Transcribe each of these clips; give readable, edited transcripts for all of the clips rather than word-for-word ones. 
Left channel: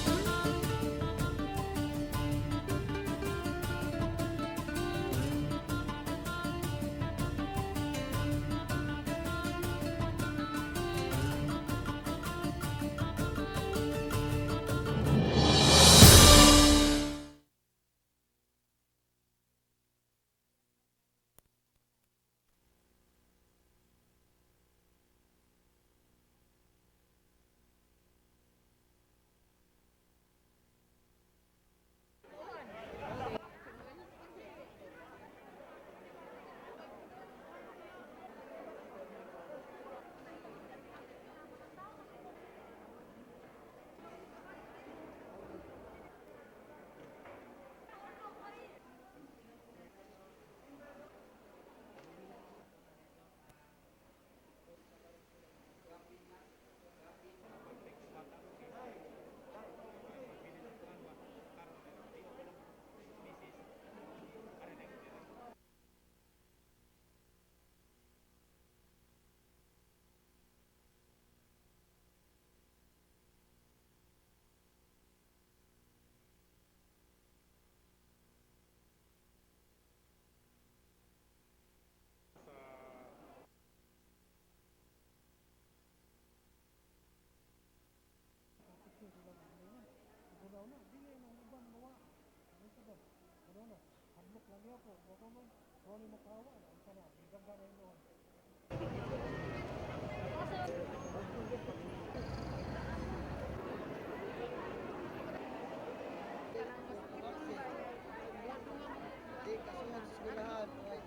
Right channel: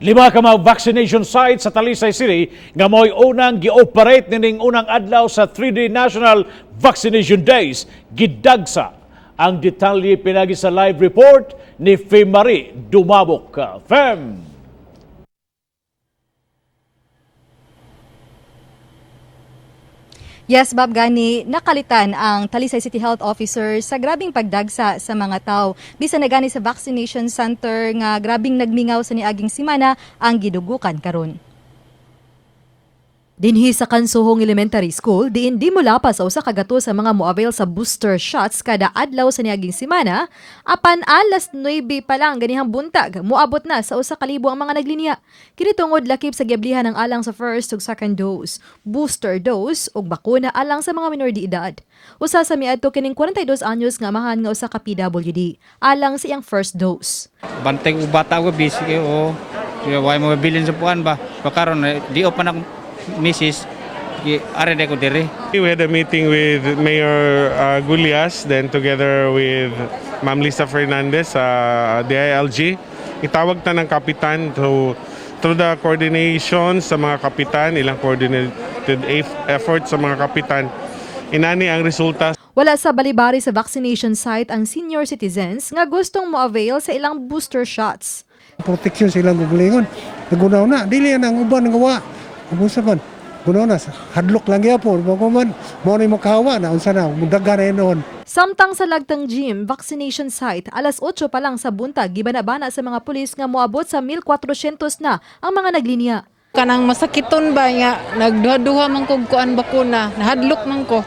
Lima ka mga vaccination sites sa Talisay City nga mo'y unang gi-operate nining unang adlaw sa 3D National Vaccination Days. Gidagsa ang detalye pinagi sa live report ni Fem Marie Dumabok. Fem! Yes, Bob, gani nakalitan ang Talisay City Health Officer sa grabing pagdagsa sa mga tao. Bisan na gani sa vaccination center nga grabing nagmingaw sa niaging simana ang gidugukan karon. Dinhi sa Kansuhong Elementary School, diin di mula pa sa usa ka gato sa mga moavail sa booster shots kada adlaw sa niaging semana, apan alas 9 pa lang ganihang buntag, moabot na sa usa ka libo ang mga naglinya. Kini tungod lakip sa giablihan ng alang sa first ug second dose, booster dose ug bakuna alang sa mga minor de edad. Usa sa miadto kining 42 anyos nga amahan nga usa ka PWD, alang sa iyang first dose. Bantay ko bata ko busy o way mo bilin sa puan ba pakaron di pa na Mrs. Are ko dire. We had a meeting with Mayor Gulyas, then together with Ma'am Lisa Fernandez sa DILG. Itawag ta ng kapitan through the coordination sa mga kapitan, ilang coordinated effort sa mga kapitan. Inani ang resulta. Wala sa balibari sa vaccination site ang senior citizens nga gustong mo-avail sa ilang booster shots. Proteksyon silang gugulingon. Nagunaw na, dili ang uban ng gawa. Kumusta man? Gunaw na, hadlok lang yapon. Bago man, mo na yung makahawa na, unsa na, mudaga na yun noon. Samtang sa Lagtang Gym vaccination site, alas 8 pa lang sa buntag, gibanabana sa mga pulis nga moabot sa 1,400 na ang mga naglinya. Kanang masakiton ba nga nagduha man kog kuan bakuna, nahadlok man ko.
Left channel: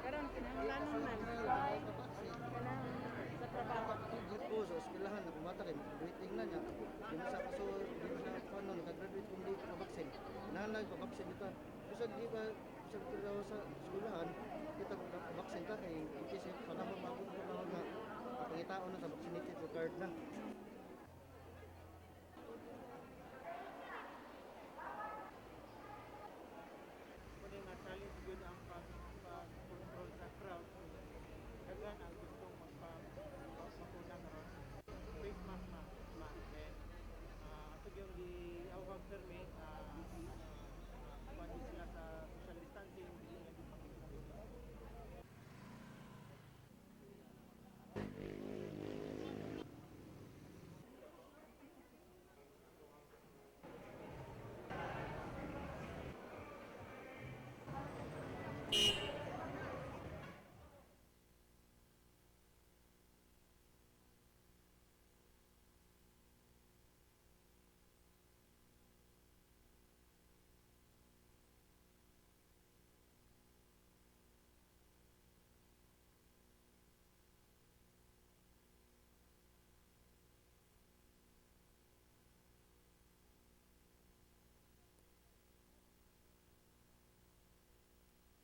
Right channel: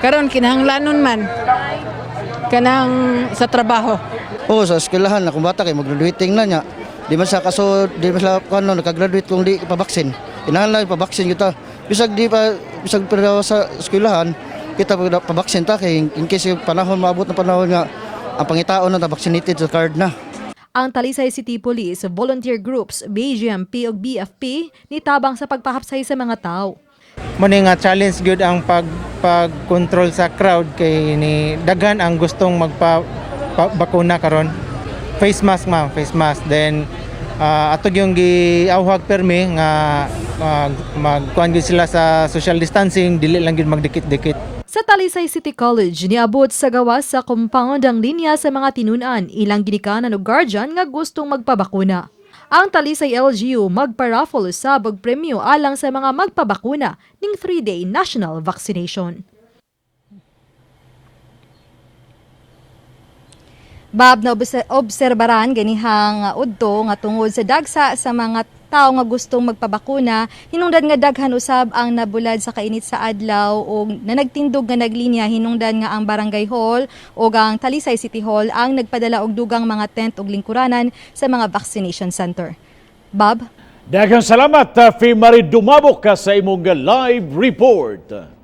Karon kinahanglanon man kanang sa trabaho. Sa eskwelahan na kung bata kay mag-graduating na niya. Di man sa nakagraduate kung di pa-vaccine. Kinahanglan pa-vaccine kita. Bisag pa sa eskwelahan, kita pa-vaccine ta kay in case yung panahon maabot na panahon nga ang pangitaon na vaccinated sa card na. Ang Talisay City Police, volunteer groups, BGMP ug BFP nitabang sa pagpahapsay sa mga tao. Muna nga challenge good ang pag-control sa crowd kay ni daghan ang gustong magpa-bakuna karon. Face mask then atog yung giawhag permi nga magkuan gyud sila sa social distancing, dili lang gyud magdikit-dikit. Sa Talisay City College, niabot sa gawas sa compound ang linya sa mga tinunan, ilang ginikanan o guardian nga gustong magpabakuna. Ang Talisay LGU magpa-raffle sa premyo alang sa mga magpabakuna ning 3-day national vaccination. Bob, na obserbaran ganihang udto nga tungod sa dagsa sa mga tao nga gustong magpabakuna, hinungdan nga daghan usab ang nabulad sa kainit sa adlaw o nanagtindog nga naglinya, hinungdan nga ang Barangay Hall o ang Talisay City Hall ang nagpadala og dugang mga tent ug lingkuranan sa mga vaccination center. Bob? Daghang salamat, Fem Marie Dumabok sa imong live report.